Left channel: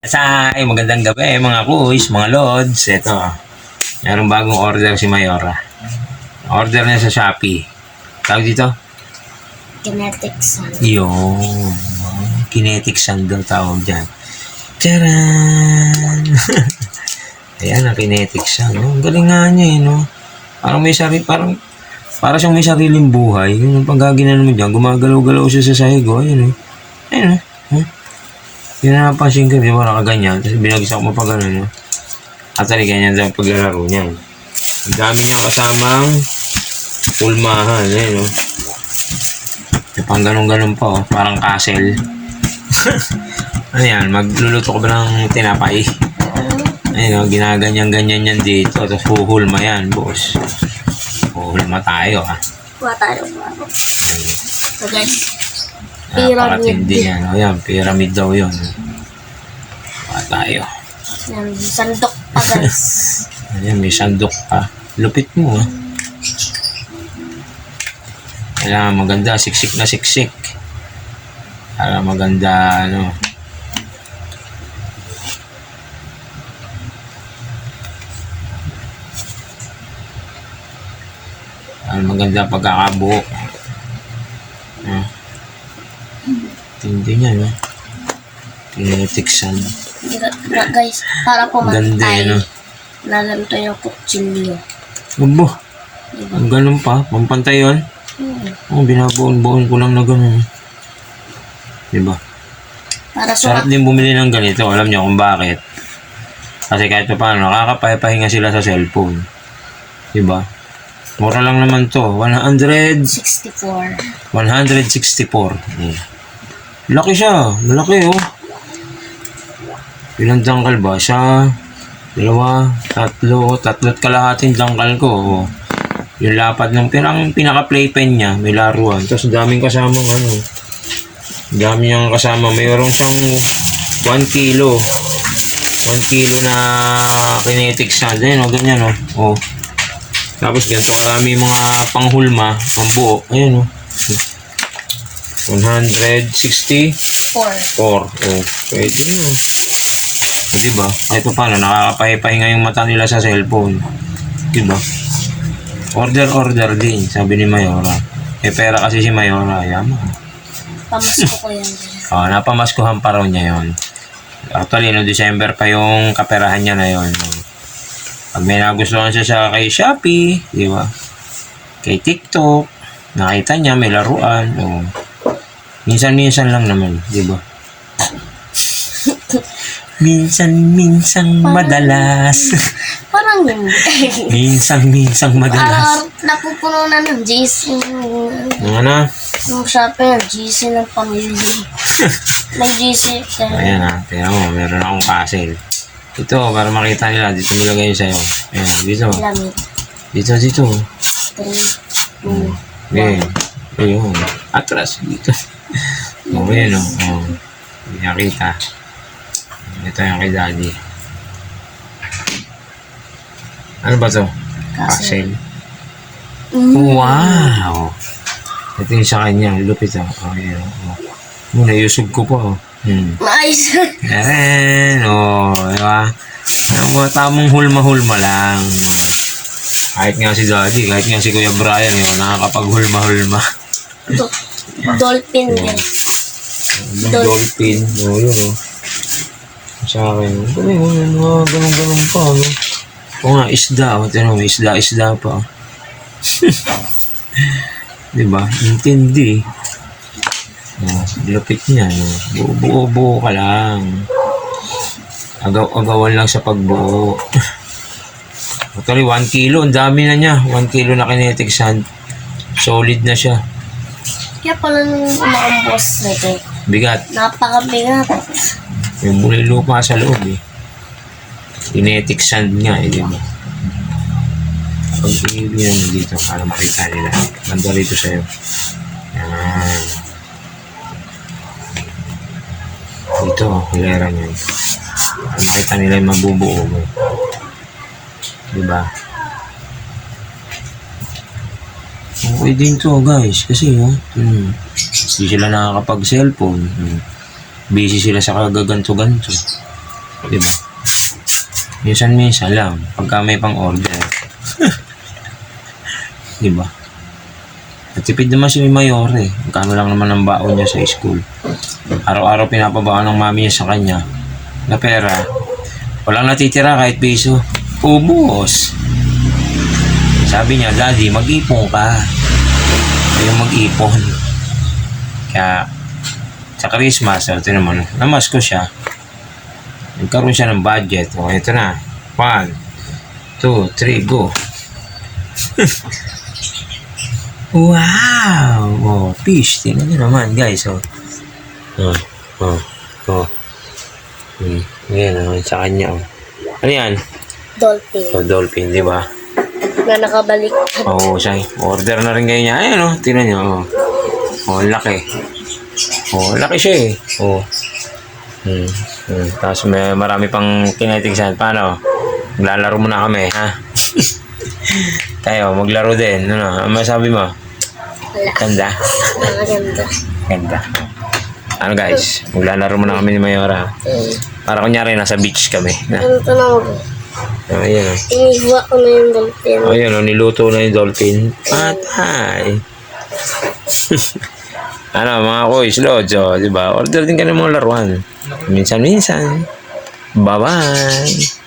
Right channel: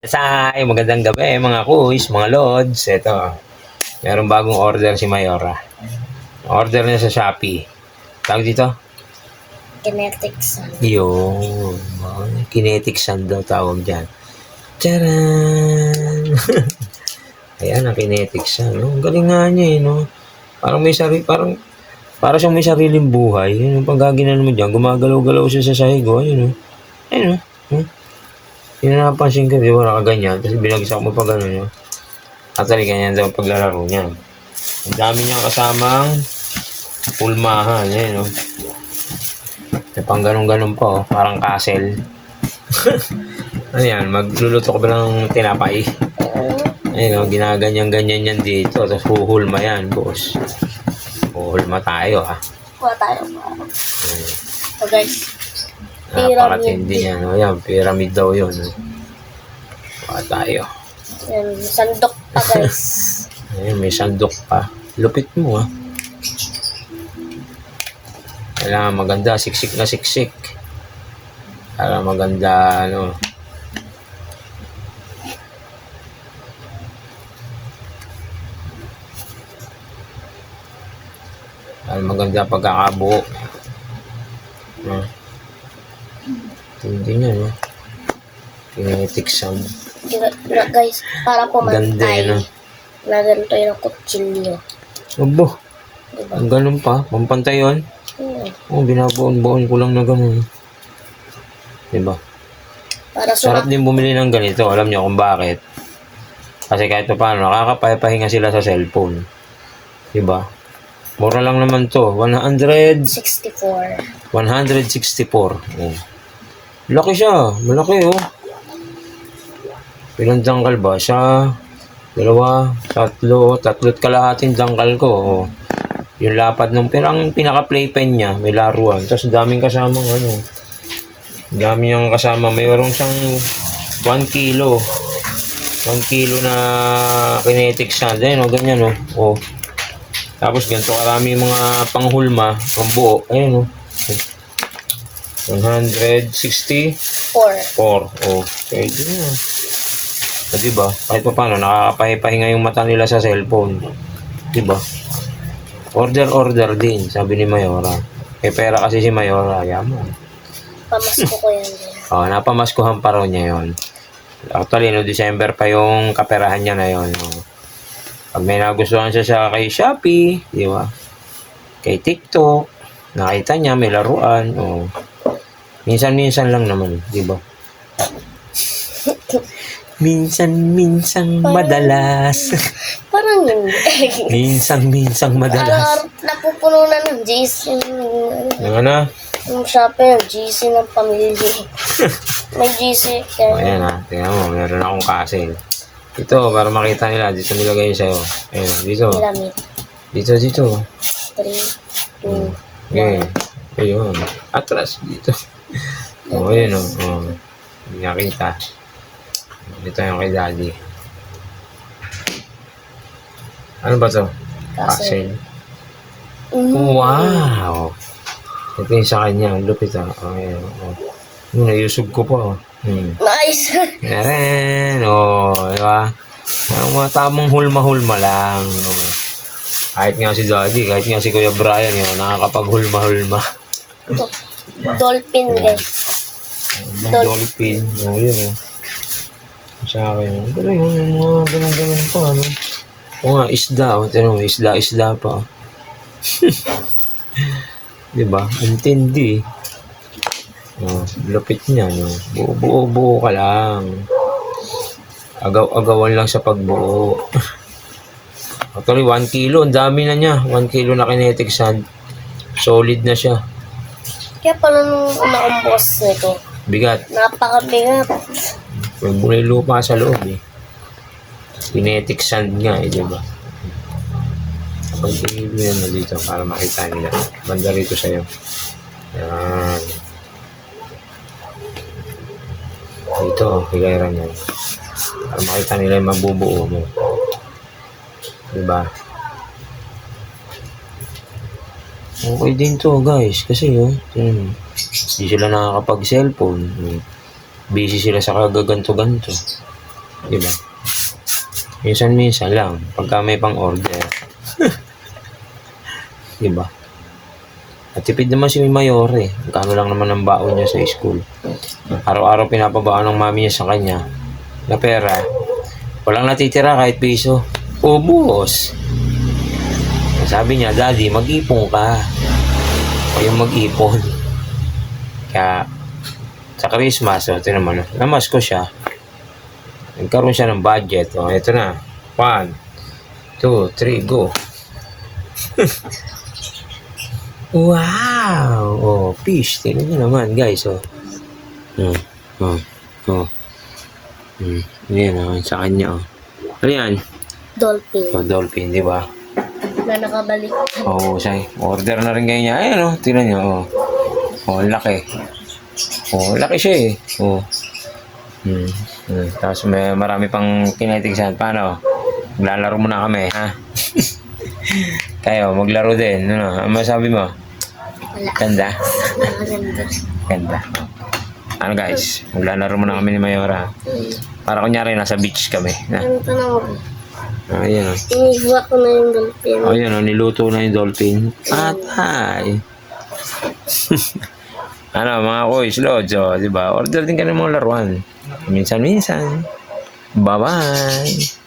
Magandang gabi mga kuys, mga lods. Ito, mayroong bagong order si Mayora. Order niya sa Shopee. Tawag dito? Kinetic Sun. Yun. Kinetic Sun daw tawag dyan. Charan! Ayan ang Kinetic Sun. No? Galing nga niya no? Parang siyang may sariling buhay. Yung pagkaginan mo dyan, gumagalaw-galaw siya sa sahig. Ayun no? Ayun no? Yung napansin ko, di ba, nakaganyan. Tapos binagsak mo pa gano'n, no? Actually, ganyan daw paglalaro niyan. Ang dami niyang kasamang pulmahan, eh, no? May pang ganun-ganun pa, oh. Parang castle. Ano yan? Magluluto ka ba ng tinapay? Ayun, no? Ginaganyan-ganyan yan dito. Tapos huhulma yan, boss. Huhulma tayo, ha? Kuha tayo ba? So guys, Napakatindi yan, no? Yan, pyramid daw yun, no? Kuha tayo. yan, sandok pa guys. Ayan, may sandok pa. Lupit mo, ha? Kailangan maganda, siksik na siksik. Para maganda, ano. Para maganda pagkakabuo. Tindi niya, no? Kinetic Sun. Guys, para Ganda, pumantay. no? Na ganito yung kutsilyo. Abo, Diba? ang ganun pa. Pampantay yun. Hmm. Oh, binabaon-baon ko lang na ganun. Diba? Para Sarap din bumili ng ganito. Alam niyo kung bakit. Kasi kahit pa paano, nakakapahinga sila sa cellphone. Diba? Mura lang naman to. 64. 164. Oh. Laki siya. Malaki, oh. Ilang dangkal ba? Siya, dalawa, tatlo't kalahating dangkal ko. Oh. Yung lapad ng pinaka-playpen niya, may laruan. Tapos daming kasamang ano. Dami niyang kasama. Mayroon siyang 1 kilo. 1 kilo na kinetic sand. Ayun, oh, ganyan, oh. Oh. Tapos ganito karami mga panghulma, pambuo. Ayun, oh. 164. 4. Oh, pwede na. O, diba? Kahit pa paano, nakakapahipahinga yung mata nila sa cellphone. Diba? Order din, sabi ni Mayora. Eh, pera kasi si Mayora, yaman. Pamasko ko yan guys. Oh, napamaskuhan pa raw niya yon. Actually, no, December pa yung kaperahan niya na yon. Pag may nagustuhan siya sa kay Shopee, di ba? Kay TikTok, nakita niya may laruan. Oh. Minsan-minsan lang naman, di ba? Minsan-minsang madalas. Parang hindi. Minsan-minsang madalas. Napupuno na ng GC. Ano? Yung Shopee ng GC ng pamilya. May GC. Ayan ha, tingnan mo, meron akong castle. Ito, para makita nila, dito nilagay yun sa'yo. Ayan, dito. Pyramid. Dito. 3, 2, Okay. Ayun. Atras, dito. Ayun o. Hindi nakita. Dito yung kay daddy. Ano ba to? Castle. Wow! Ito yung sa kanya. Lupit o. Ayan o. Nayusog ko pa o. Nice. Ayan. Diba? Ang mga tamang hulma-hulma lang. Kahit nga si daddy, kahit nga si Kuya Brian, yung nakakapag-hulma-hulma. Dolphin guys. Dolphin. Yun o. Sa akin. Mga ganun-ganun pa. No? O nga, isda. Tinong, isda pa. Diba? Intindi. Lupit niya. No? Buo-buo ka lang. Agawan lang sa pagbuo. Actually, 1 kilo. Ang dami na niya. 1 kilo na kinetic sand. Solid na siya. Kaya pala nung umaambos nito. Bigat. Napakabigat. Yung muna yung lupa sa loob eh. Kinetic sand nga eh, diba? Pag i-ibigyan mo dito para makita nila. Banda rito sa'yo. Yan. Dito, hilera niya. Para makita nila yung mabubuo mo. Diba? Okay din to guys. Kasi hindi sila nakakapag-cellphone. Busy sila sa kagaganto-ganto. Di ba? Minsan-minsan lang. Pagka may pang-order. Di ba? At tipid naman si Mayor eh. Magkano lang naman ang baon niya sa school. Araw-araw pinapabaan ng mami niya sa kanya na pera. Walang natitira kahit piso. Ubus. Sabi niya, Daddy, mag-ipon ka. Kayong mag-ipon. Kaya, sa Christmas, ito naman, namas ko siya. Nagkaroon siya ng budget. O, ito na. 1, 2, 3, go. Wow! Oh, fish. Tingnan nyo naman, guys. Oh. Oh. Ayan, oh. Sa kanya, oh. Ano yan? Dolphin. Oh, dolphin, di ba? Na nakabalik. Oo, siya. Order na rin kayo niya. Ayan, oh. Tingnan nyo, oh. Oh, laki. Oh, laki siya, eh. Oh. Tapos may marami pang kinetic sand. Paano? Maglalaro muna kami, ha? Tayo, maglaro din. Ano masabi mo? Wala. Ganda? Nakaganda. Ganda. Ano guys, maglalaro muna kami ni Mayora. Para kunyari nasa beach kami. Ganito na ako. Ayan. Inihiwa ko na yung dolphin. Ayan, niluto na yung dolphin. Patay. Ano, mga kuys, lods, di ba? Order din ka ng mga laruan. Minsan-minsan. Bye-bye.